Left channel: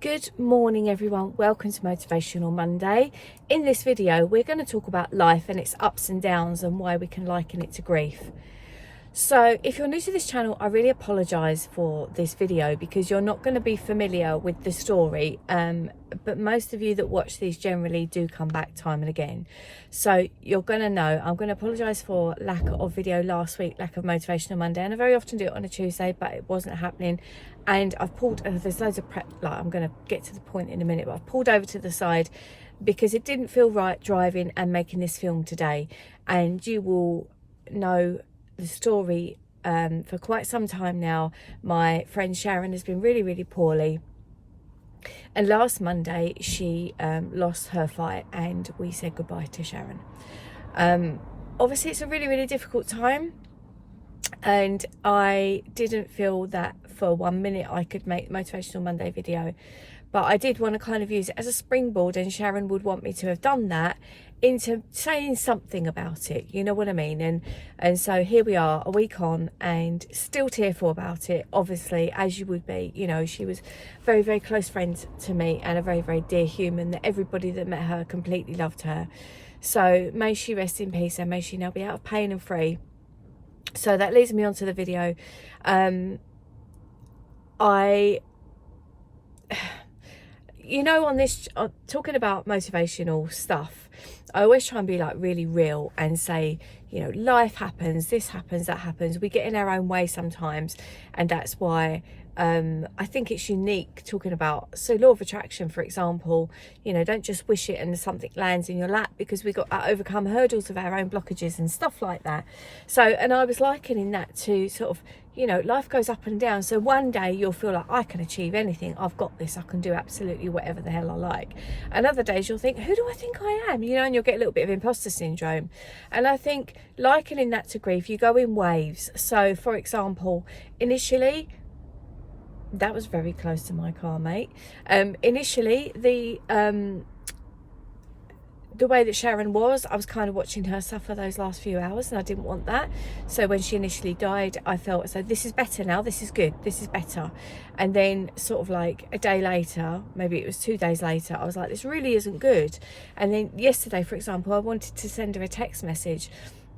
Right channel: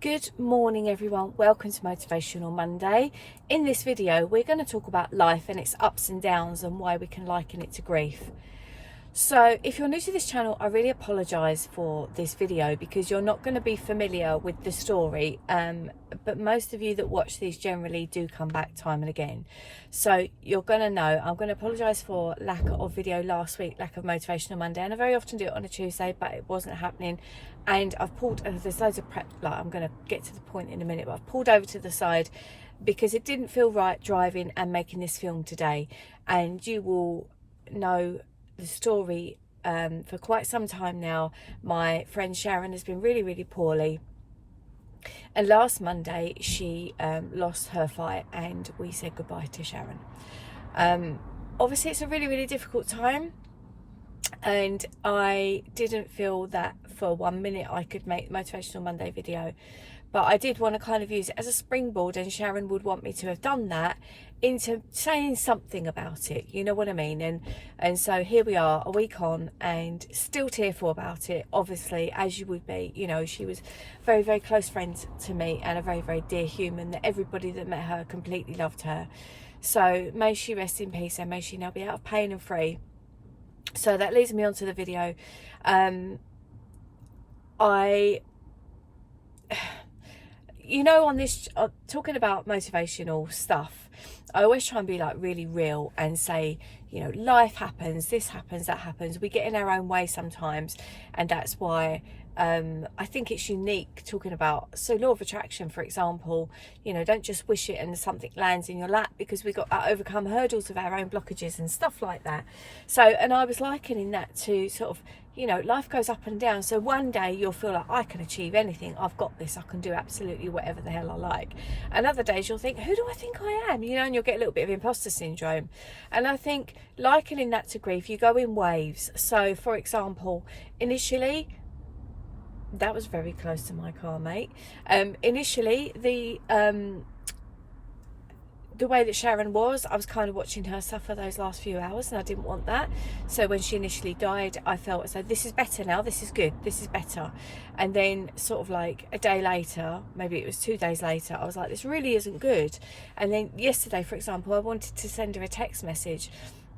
Good morning everyone, welcome to Motivational Monday. In this video we're going to talk about life and its ups and downs and why we can liken it to grief. So if you're new to this channel, I really apologise for this video because you're not going to be familiar with the story, but most of you that watch these generally do come back time and again. So you're going to know. I'm going to apologise for lack of video last week, lack of Motivational Monday, and I very often do it on a Tuesday, but it wasn't happening. And I've pulled, there's loads of prep, like I'm going to get to the point in a minute, but I've pulled over to the side because it didn't feel right driving and making this film today. And you will know the story for quite some time now. My friend Sharon has been really poorly, and last Monday she lost her fight and we said goodbye to Sharon. Obviously it's a really difficult time, and I didn't feel that for 1 minute I could make Motivational Monday video, but I did want to kind of use it as a springboard, and Sharon would want me to have done that into saying something about it, you know what I mean? And so here we are a week on and still tearful about it, obviously, as you would be. You know, she was very close friend to me and a very dear human that everybody that met her completely loved her. So may she rest in peace and may she now be out of pain and free. So that leads me on to the video. You know, on this, talking about motivational stuff, I always try and be like really real and say, you know, life happens, this happens, that happens. We get in our own way sometimes, and that's why I think it's unique talking about, so law of attraction, for example, you know, don't just wish it and something lands in your lap, because we got to overcome hurdles of our own blockages and stuff like that. So, and I was likening that to sort of, you know, life goes up and down. So one day you'll feel like I can achieve anything, I've got this, I can do absolutely whatever the hell I like. And other days you'll think, who do I think I am? You know, and you'll get a little bit of imposter syndrome. And I think likening that to grief, you go in waves. So for example, initially, that was very close to my car, mate. Initially, the way that Sharon was, I was kind of watching her suffer those last few hours, and I didn't want that. So when she initially died, I felt as though this is better now, this is good, this is better. And then sort of like a day later, maybe it was 2 days later, I was like, this really isn't good. And then yesterday, for example, I wanted to send her a text message,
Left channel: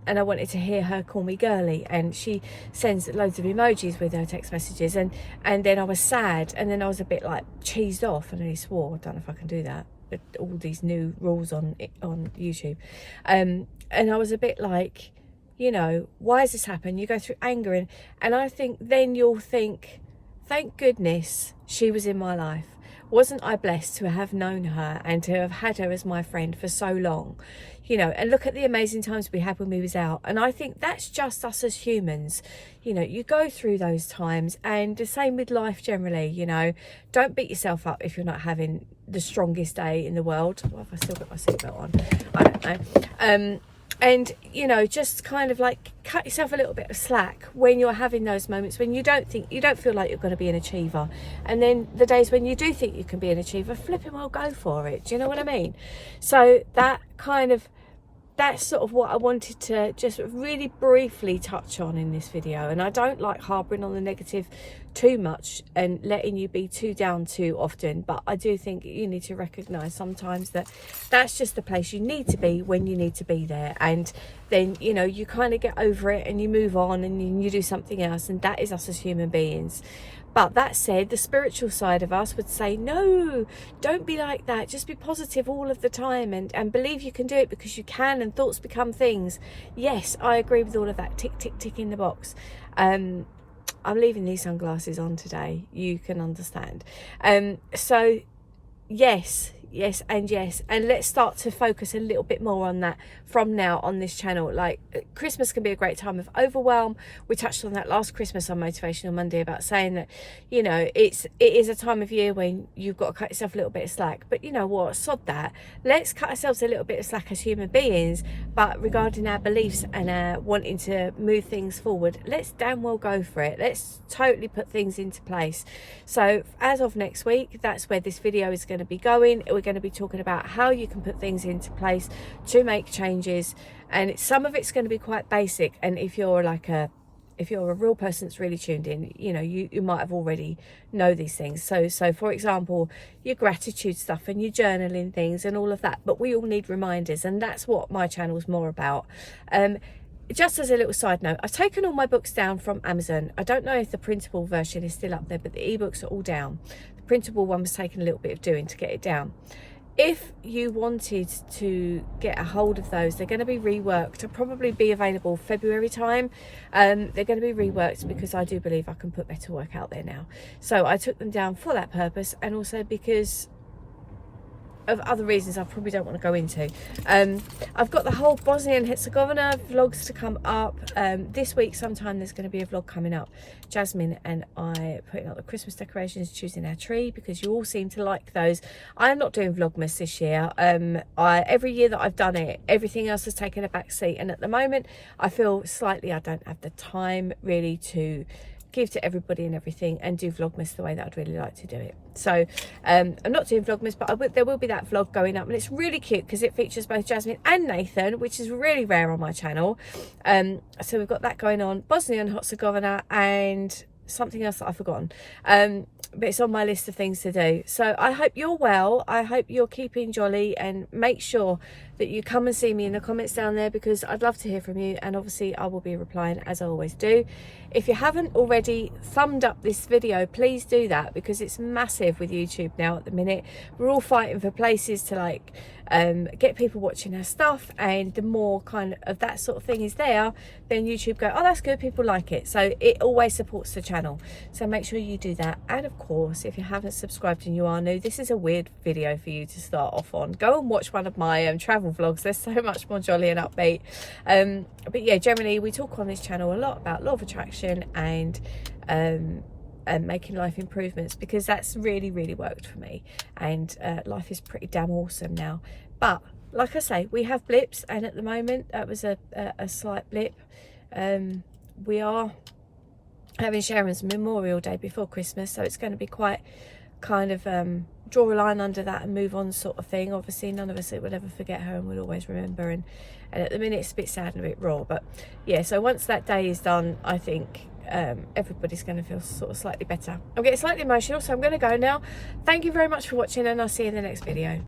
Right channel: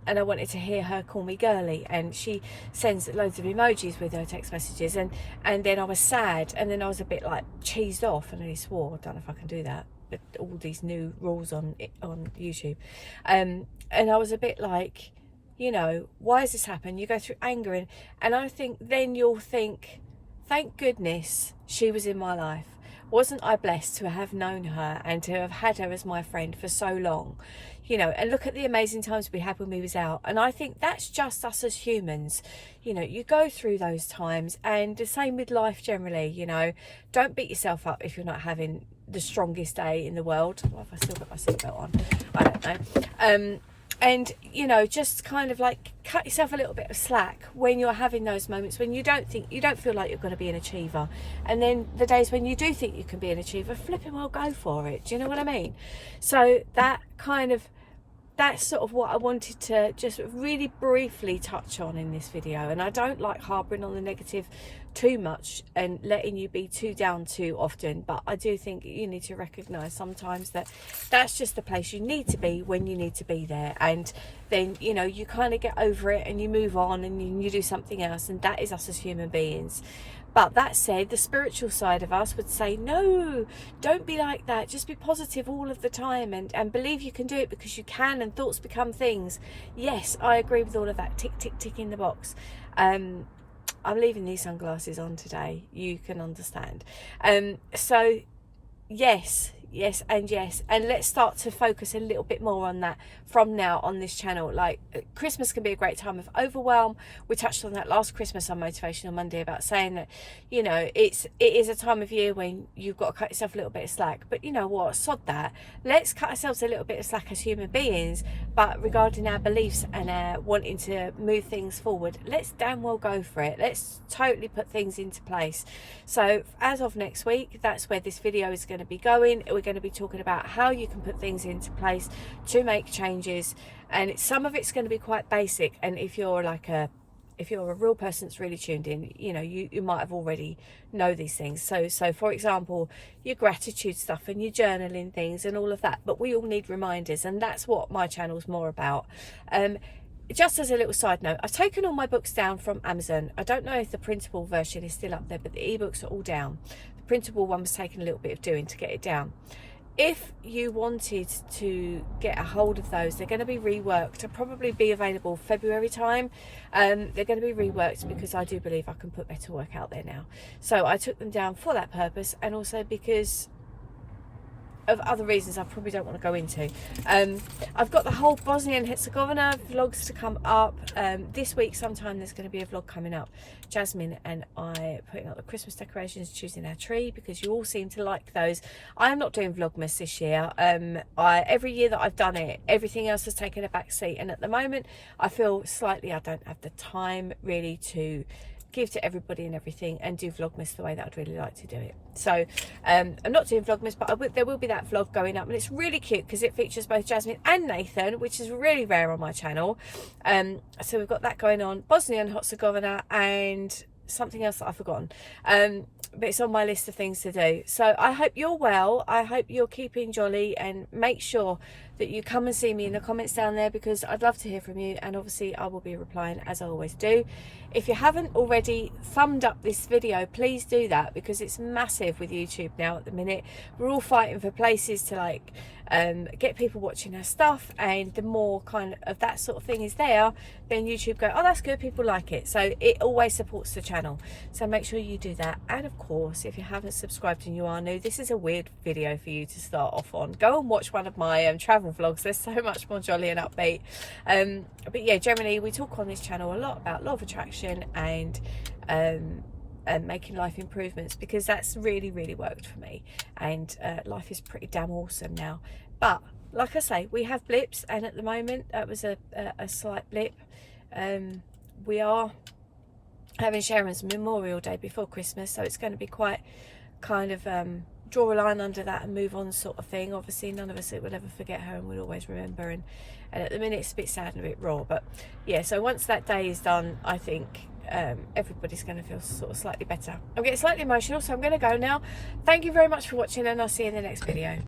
and I wanted to hear her call me girly, and she sends loads of emojis with her text messages, and then I was sad, and then I was a bit like cheesed off, and then he swore. I don't know if I can do that, but all these new rules on YouTube, and I was a bit like, you know, why has this happened? You go through anger, and I think then you'll think, thank goodness she was in my life. Wasn't I blessed to have known her and to have had her as my friend for so long? You know, and look at the amazing times we had when we was out. And I think that's just us as humans. You know, you go through those times, and the same with life generally. You know, don't beat yourself up if you're not having the strongest day in the world. Well, have I still got my seatbelt on? I don't know. And, you know, just kind of like cut yourself a little bit of slack when you're having those moments when you don't feel like you're going to be an achiever. And then the days when you do think you can be an achiever, flipping well, go for it. Do you know what I mean? So that's sort of what I wanted to just really briefly touch on in this video. And I don't like harboring on the negative too much and letting you be too down too often, but I do think you need to recognize sometimes that that's just the place you need to be when you need to be there, and then, you know, you kind of get over it and you move on and you do something else. And that is us as human beings. But that said, the spiritual side of us would say, no, don't be like that. Just be positive all of the time, and believe you can do it, because you can, and thoughts become things. Yes, I agree with all of that. Tick, tick, tick in the box. I'm leaving these sunglasses on today. You can understand. So yes, and let's start to focus a little bit more on that from now on this channel. Like, Christmas can be a great time of overwhelm. We touched on that last Christmas on Motivational Monday about saying that, you know, it is a time of year when you've got to cut yourself a little bit of slack. But you know what, sod that. Let's cut ourselves a little bit of slack as human beings, but regarding our beliefs and our wanting to move things forward, let's damn well go for it. Let's totally put things into place. So as of next week, that's where this video is going to be going. We're going to be talking about how you can put things into place to make changes, and some of it's going to be quite basic. And if you're like a if you're a real person that's really tuned in, you know, you might have already know these things. So for example, your gratitude stuff and your journaling things and all of that, but we all need reminders, and that's what my channel's more about. Just as a little side note, I've taken all my books down from Amazon. I don't know if the printable version is still up there, but the ebooks are all down. The printable one was taking a little bit of doing to get it down. If you wanted to get a hold of those, they're going to be reworked. They'll probably be available February time. They're going to be reworked because I do believe I can put better work out there now. So I took them down for that purpose, and also because of other reasons I probably don't want to go into. I've got the whole Bosnia and Herzegovina vlogs to come up. This week sometime there's going to be a vlog coming up. Jasmine and I putting up the Christmas decorations, choosing our tree, because you all seem to like those. I am not doing Vlogmas this year. Every year that I've done it, everything else has taken a back seat, and at the moment I feel slightly I don't have the time really to give to everybody and everything and do Vlogmas the way that I'd really like to do it. So I'm not doing Vlogmas, but there will be that vlog going up, and it's really cute because it features both Jasmine and Nathan, which is really rare on my channel. So we've got that going on, Bosnia and Herzegovina, and something else that I've forgotten, but it's on my list of things to do. So I hope you're well, I hope you're keeping jolly, and make sure that you come and see me in the comments down there, because I'd love to hear from you, and obviously I will be replying as I always do. If you haven't already thumbed up this video, please do that, because it's massive with YouTube now at the minute. We're all fighting for places to like get people watching our stuff, and the more kind of that sort of thing is there, then YouTube go, oh, that's good, people like it. So it always supports the channel, so make sure you do that. And of course, if you haven't subscribed and you are new, this is a weird video for you to start off on. Go and watch one of my travel vlogs. They're so much more jolly and upbeat. But yeah, generally we talk on this channel a lot about law of attraction and making life improvements, because that's really worked for me, and life is pretty damn awesome now. But like I say, we have blips, and at the moment that was a slight blip. We are having Sharon's Memorial Day before Christmas, so it's going to be quite kind of draw a line under that and move on sort of thing. Obviously none of us will ever forget her, and we'll always remember, and at the minute it's a bit sad and a bit raw, but yeah, so once that day is done, I think everybody's going to feel sort of slightly better. I'm getting slightly emotional, so I'm going to go now. Thank you very much for watching, and I'll see you in the next video.